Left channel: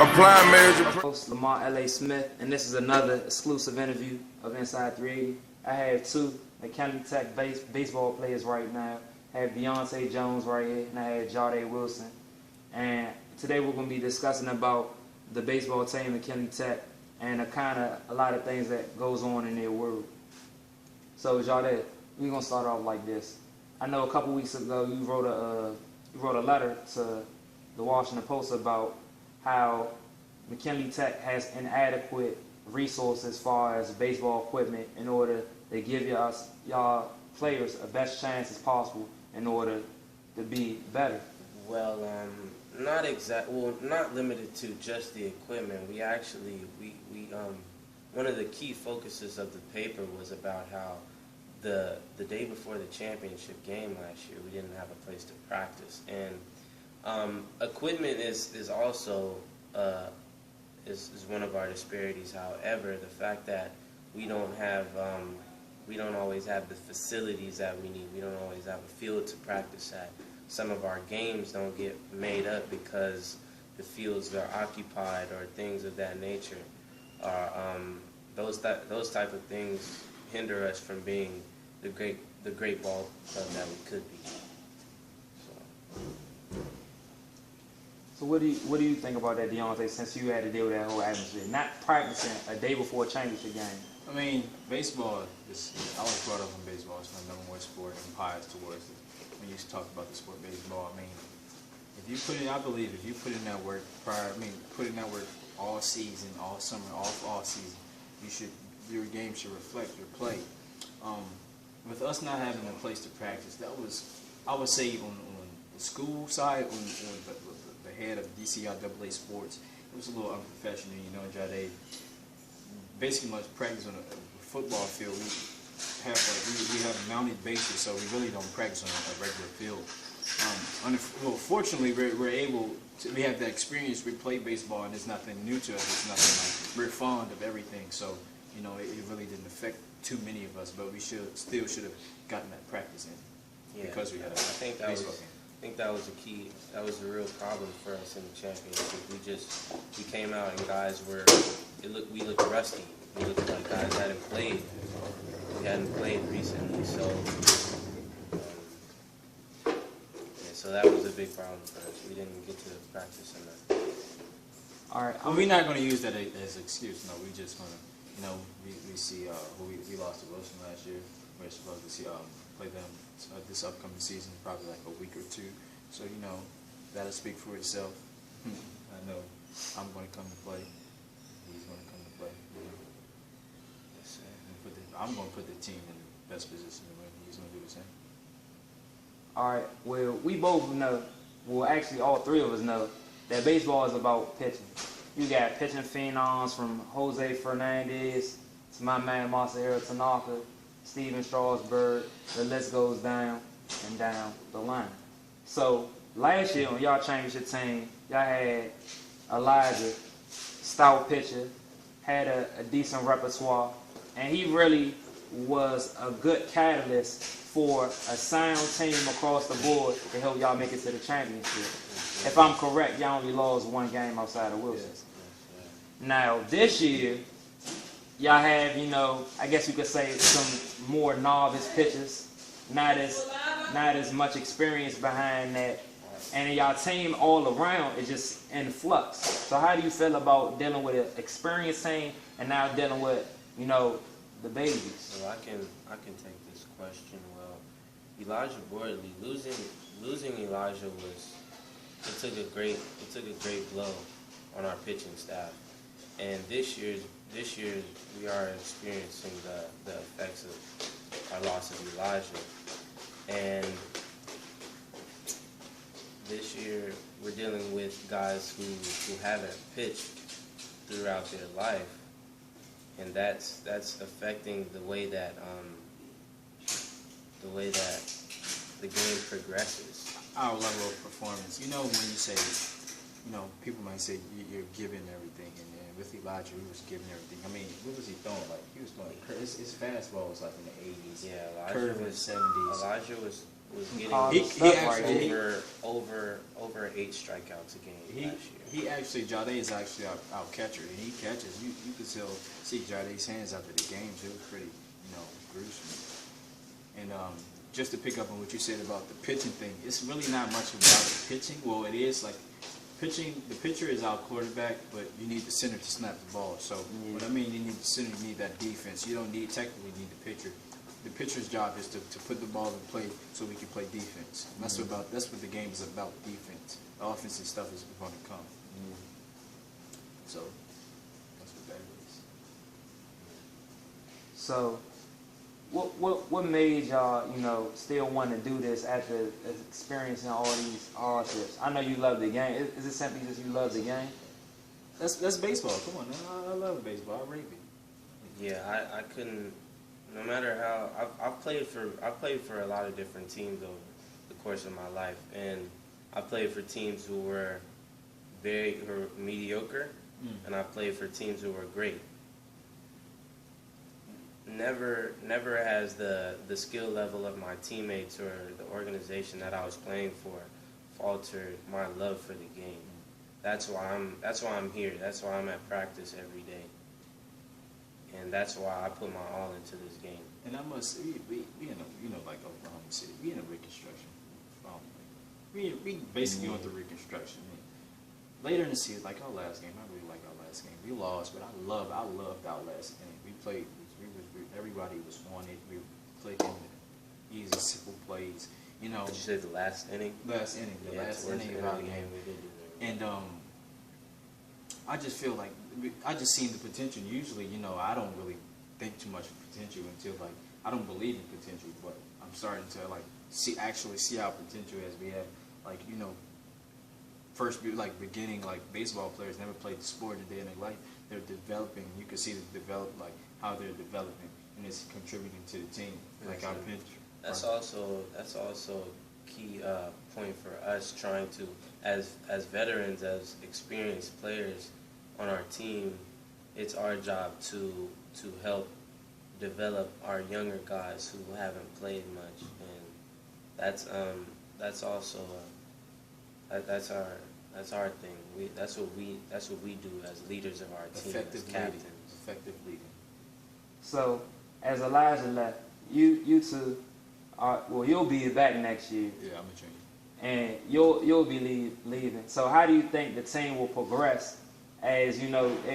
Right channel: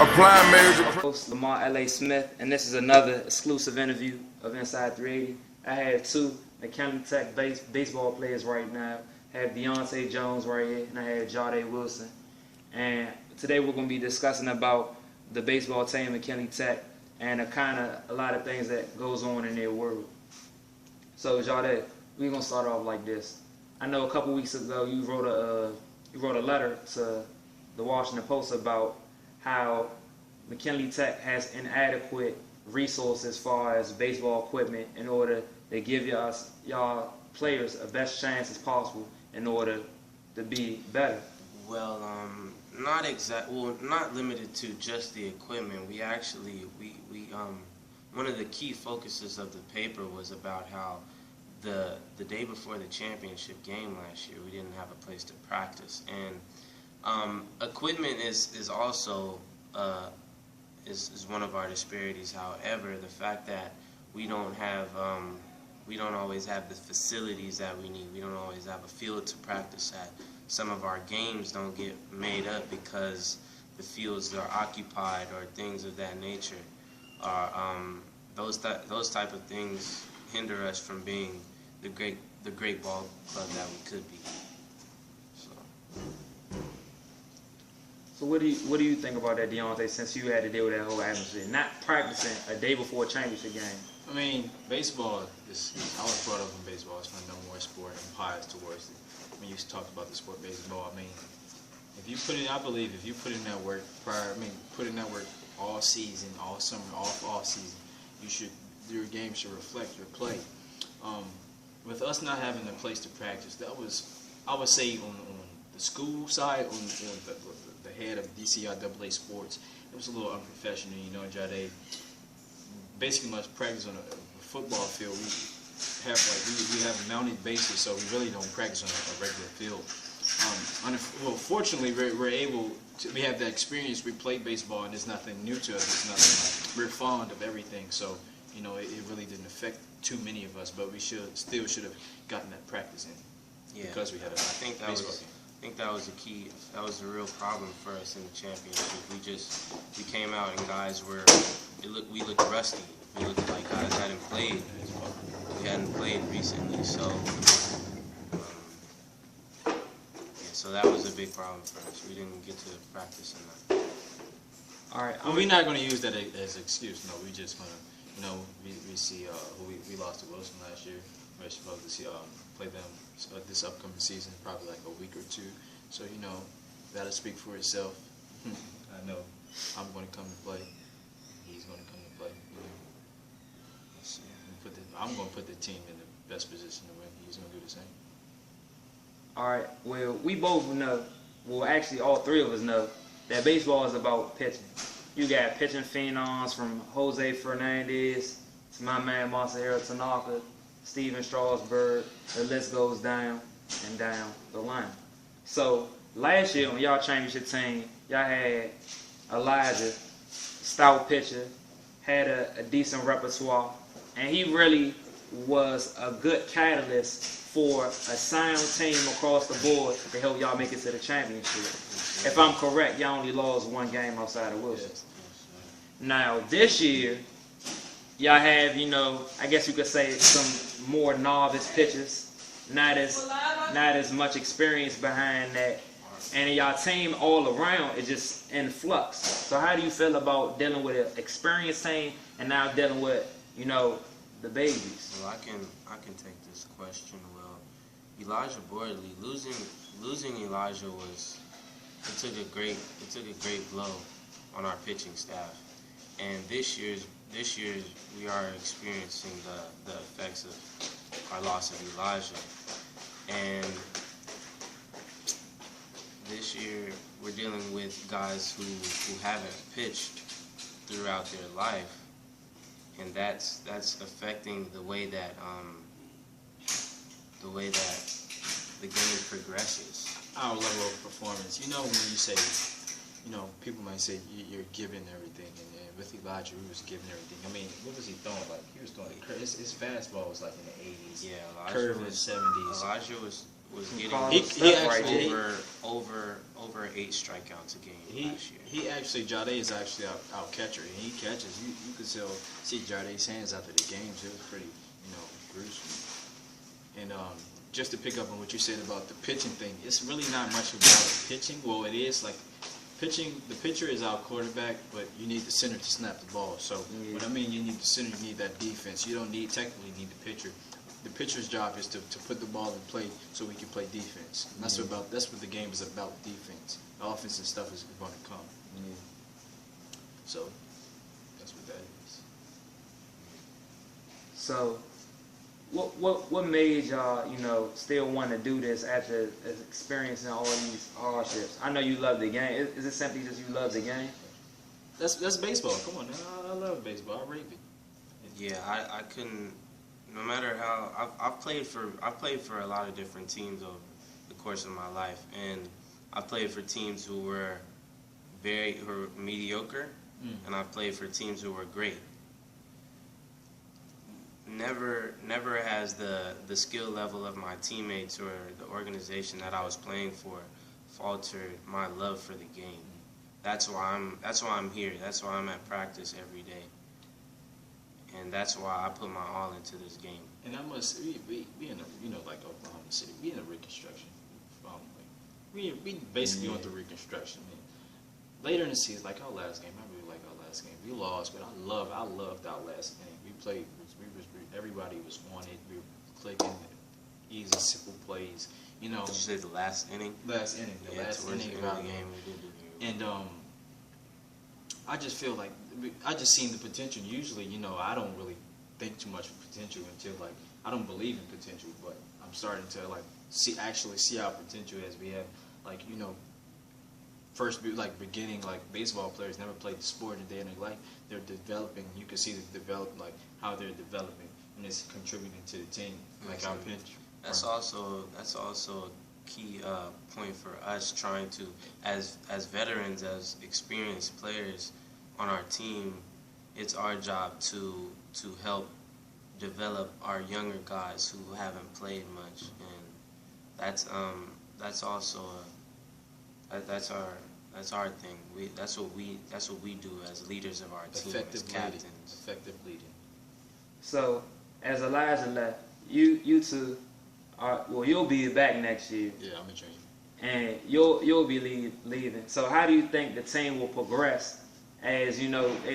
Applying major. Host Lamar L.A. Smith, and this is another exclusive interview of Inside380. I have two County Tech baseball players right now. I have Deionte Jones right here, and I have Jahde Wilson. And today we're going to be discussing about the baseball team at County Tech and a lot of things that goes on in their world. So Jahde, we're going to start off like this. I know a couple weeks ago you wrote a letter to the Washington Post about how McKinley Tech has inadequate resources as far as baseball equipment in order to give y'all players the best chance as possible in order to be better. Well, not limited to just the equipment. We one of the key focuses of the paper was about how the day before the championship game last year, we didn't have a place to practice, and equipment is also is one of our disparities. However, the fact that we don't always have the facilities that we need. We don't always have a field to practice at. Some of our games don't get made up because the fields are occupied or things of that nature. Those type of things hinder us from being the great ball club that we could be. So what do you think about that, Deionte, since you had to deal with that whole atmosphere? Not practicing a day before a championship game. I mean, baseball I was brought up in baseball. It's my number one sport. I'm biased towards it. When you talk about the sport baseball, I mean, I believe if you put in that work put in that work all season, all summer, all season, your game should reflect your play. With us not having a place to practice, that was, I would say, on the school side, on the head of DCIAA sports, it was a little unprofessional. You know, Jahde basically must practice on a football field. We have mounted bases, so we really don't practice on a regular field. Fortunately, we have that experience. We play baseball, and it's nothing new to us. It's nothing. We're fond of everything, so you know it really didn't affect too many of us. But we still should have gotten that practice in. Yeah, because we had I think that was the key. That was the real problem for us in the championship. We came out and guys we looked rusty. We looked like guys hadn't played. We hadn't played recently, so so that was a big problem for us. We didn't get to practice enough. All right. Well, we're not going to use that as an excuse. No, we're just going to, we see we lost to Wilson last year. We're supposed to see play them this upcoming season, probably like a week or two. So that'll speak for itself. I know I'm going to come and play. He's going to come and play. I'm going to put the team in the best position to win. He's going to do the same. All right. Well, we both know. Well, actually, all three of us know that baseball is about pitching. You got pitching phenoms from Jose Fernandez to my man Masahiro Tanaka, Steven Strasburg. The list goes down and down the line. So last year on y'all championship team, y'all had Elijah, stout pitcher, had a decent repertoire, and he really was a good catalyst for a sound team across the board to help y'all make it to the championship. If I'm correct, y'all only lost one game outside of Wilson. Now, this year, y'all have, I guess you could say some more novice pitchers, not as much experience behind that, and y'all team all around is just in flux. So how do you feel about dealing with an experienced team and now dealing with, the babies? So I can take this question. Well, Elijah Bortley, losing Elijah it took a great blow on our pitching staff. And this year we are experiencing the effects of our loss of Elijah. And this year we're dealing with guys who haven't pitched throughout their life, and that's affecting the way that the game progresses. Our level of performance. When you say, people might say you're giving everything, and with Elijah, he was giving everything. I mean, what was he throwing? Like, he was throwing his fastball was like in the 80s. Yeah, Elijah was 70s. Elijah was getting He over 8 strikeouts a game. last year. He actually, Jahde is actually our catcher, and he catches. You could still see Jahde's hands after the game, so it was pretty, gruesome. And just to pick up on what you said about the pitching thing, it's really not much about pitching. Well, it is like pitching. The pitcher is our quarterback, but you need the center to snap the ball. So what I mean, you need the center, you need that defense. You don't technically need the pitcher. The pitcher's job is to put the ball in play so we can play defense. And that's what the game is about, defense. The offensive stuff is going to come. So that's what that is. So, what made y'all, still want to do this after experiencing all these hardships? I know you love the game. Is it simply just you love the game? That's baseball. Come on, I love baseball. I rape it. Yeah, I couldn't. No matter how I played for a lot of different teams over the course of my life, and I played for teams who were mediocre, and I played for teams who were great. Never has the skill level of my teammates or the organization that I was playing for faltered my love for the game. That's why I'm here. That's why I'm at practice every day. And that's why I put my all into this game. And I must, we in a, like Oklahoma City, we in a reconstruction. We basically going through reconstruction. Later in the season, like our last game, I really like our last game. We lost, but I loved our last game. We played, everybody was on it. We were clicking, easy, simple plays. Did you say the last inning? Last inning, the last inning of the game. And I just feel like, I just seen the potential. Usually, I don't really think too much of potential until I don't believe in potential, but I'm starting to see our potential as we have first beginning baseball players never played the sport in a day in their life. They're developing. You can see the development how they're developing and it's contributing to the team our pitcher. That's also key point for us trying to as veterans, as experienced players on our team. It's our job to help develop our younger guys who haven't played much, and that's also that's our thing. That's what we do as leaders of our team, as captains. Effective leading. So, as Elijah left, you two you'll be back next year. Yeah, I'm a trainer. And you'll be leaving. So how do you think the team will progress as they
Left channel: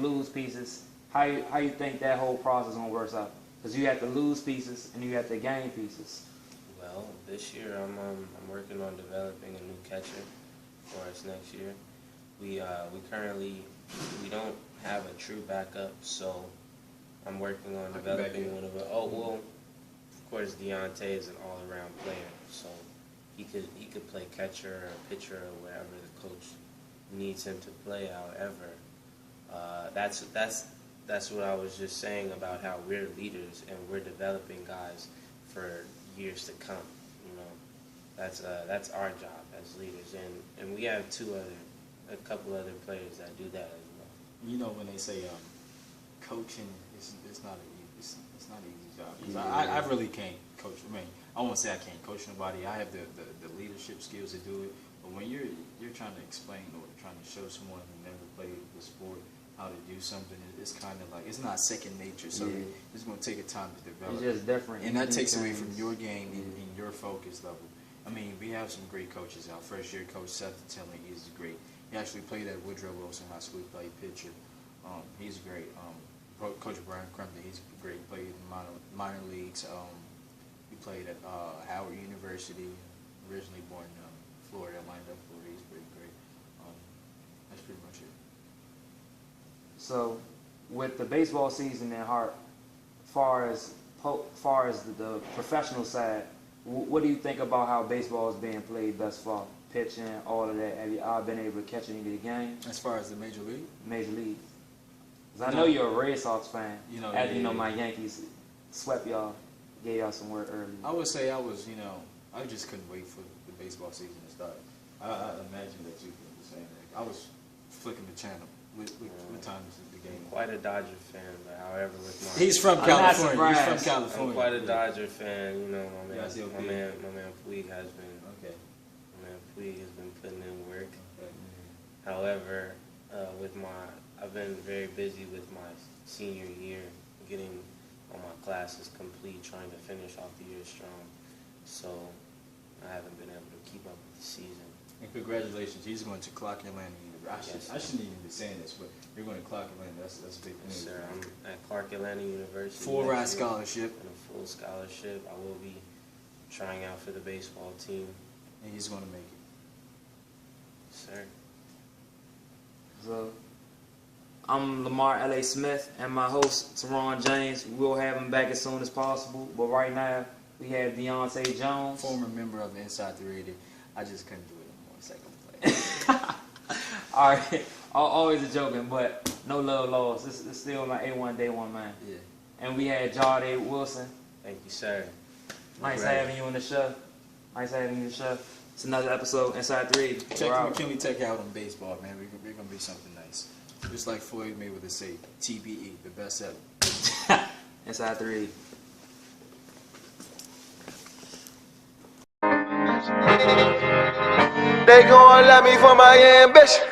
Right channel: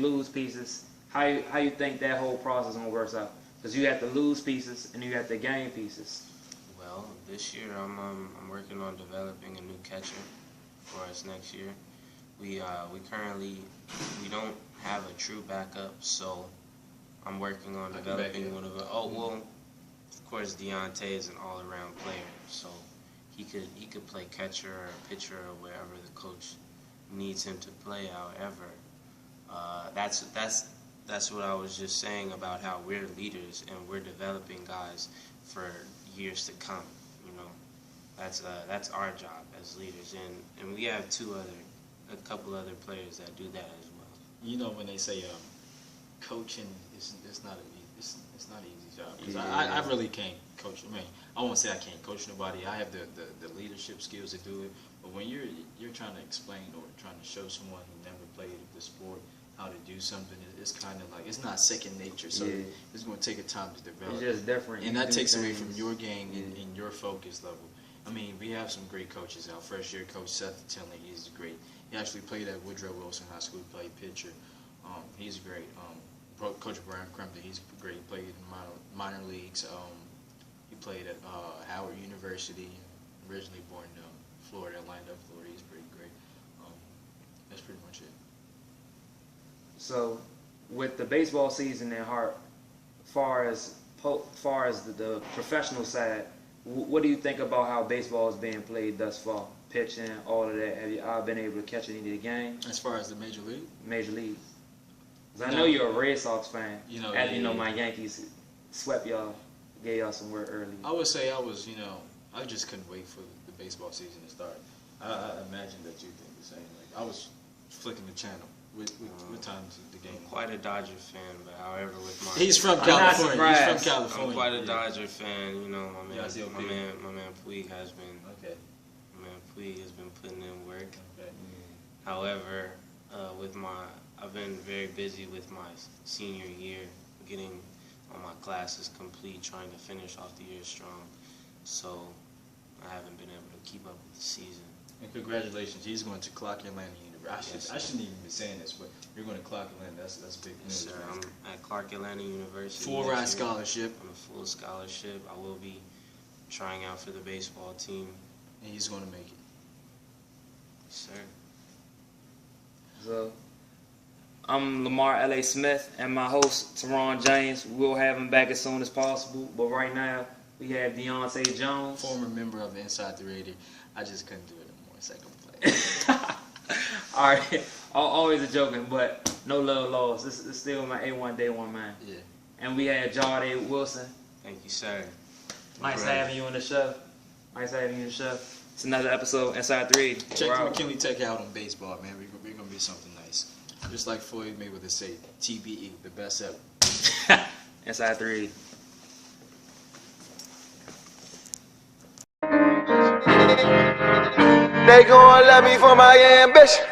lose pieces? How you think that whole process gonna work out? Because you have to lose pieces and you have to gain pieces. Well, this year I'm working on developing a new catcher for us next year. We don't have a true backup, so I'm working on developing one of them. Of course, Deionte is an all-around player, so he could play catcher or pitcher or wherever the coach needs him to play. However, that's what I was just saying about how we're leaders and we're developing guys for years to come. That's our job as leaders, and we have a couple other players that do that as well. When they say coaching is not an easy job. I really can't coach. I won't say I can't coach nobody. I have the leadership skills to do it. But when you're trying to explain or trying to show someone who never played the sport how to do something, it's kind of it's not second nature. So it's going to take a time to develop. It's just different. And that takes away from your game and your focus level. We have some great coaches. Our first year coach, Seth Tinley, he's great. He actually played at Jahde Wilson High School. He played pitcher. He's great. Coach Brian Crumpton, he's great. He played in minor leagues. He played at Howard University. Originally born in Florida, lined up Florida. He's pretty great. That's pretty much it. So, with the baseball season at heart, far as the professional side, what do you think about how baseball is being played thus far? Pitching, all of that. Have you all been able to catch any of the game? As far as the major league? Major league. Because I know you're a Red Sox fan. My Yankees swept y'all, gave y'all some work early. I would say I just couldn't wait for the baseball season to start. I imagine that you think the same thing. I was flicking the channel. What time is the game? Quite a Dodger fan, but however with my He's from I'm not California. surprised. He's from California. I'm quite a Dodger fan. My man Puig has been. Okay. My man Puig has been putting in work. However, He's going to Clark Atlanta University. Yes. I shouldn't even be saying this, but you're going to Clark Atlanta. That's big. Yes, sir. I'm at Clark Atlanta University. Full ride scholarship. On a full scholarship. I will be trying out for the baseball team. He's going to make it. Sir. So, I'm Lamar L.A. Smith, and my host, Teron James. We'll have him back as soon as possible. But right now, we have Deionte Jones. Former member of the Inside 380. I just couldn't do it in 1 second. All right. Always a joking, but no love lost. It's still my A1 Day 1 man. Yeah. And we had Jahde Wilson. Thank you, sir. Nice having you in the show. Nice having you in the show. It's another episode, Inside 380. Check the McKinley Tech out on baseball, man. We're going to be something nice. Just like Floyd Mayweather say, TBE, the best ever. Inside 380. They gon' love me for my ambition.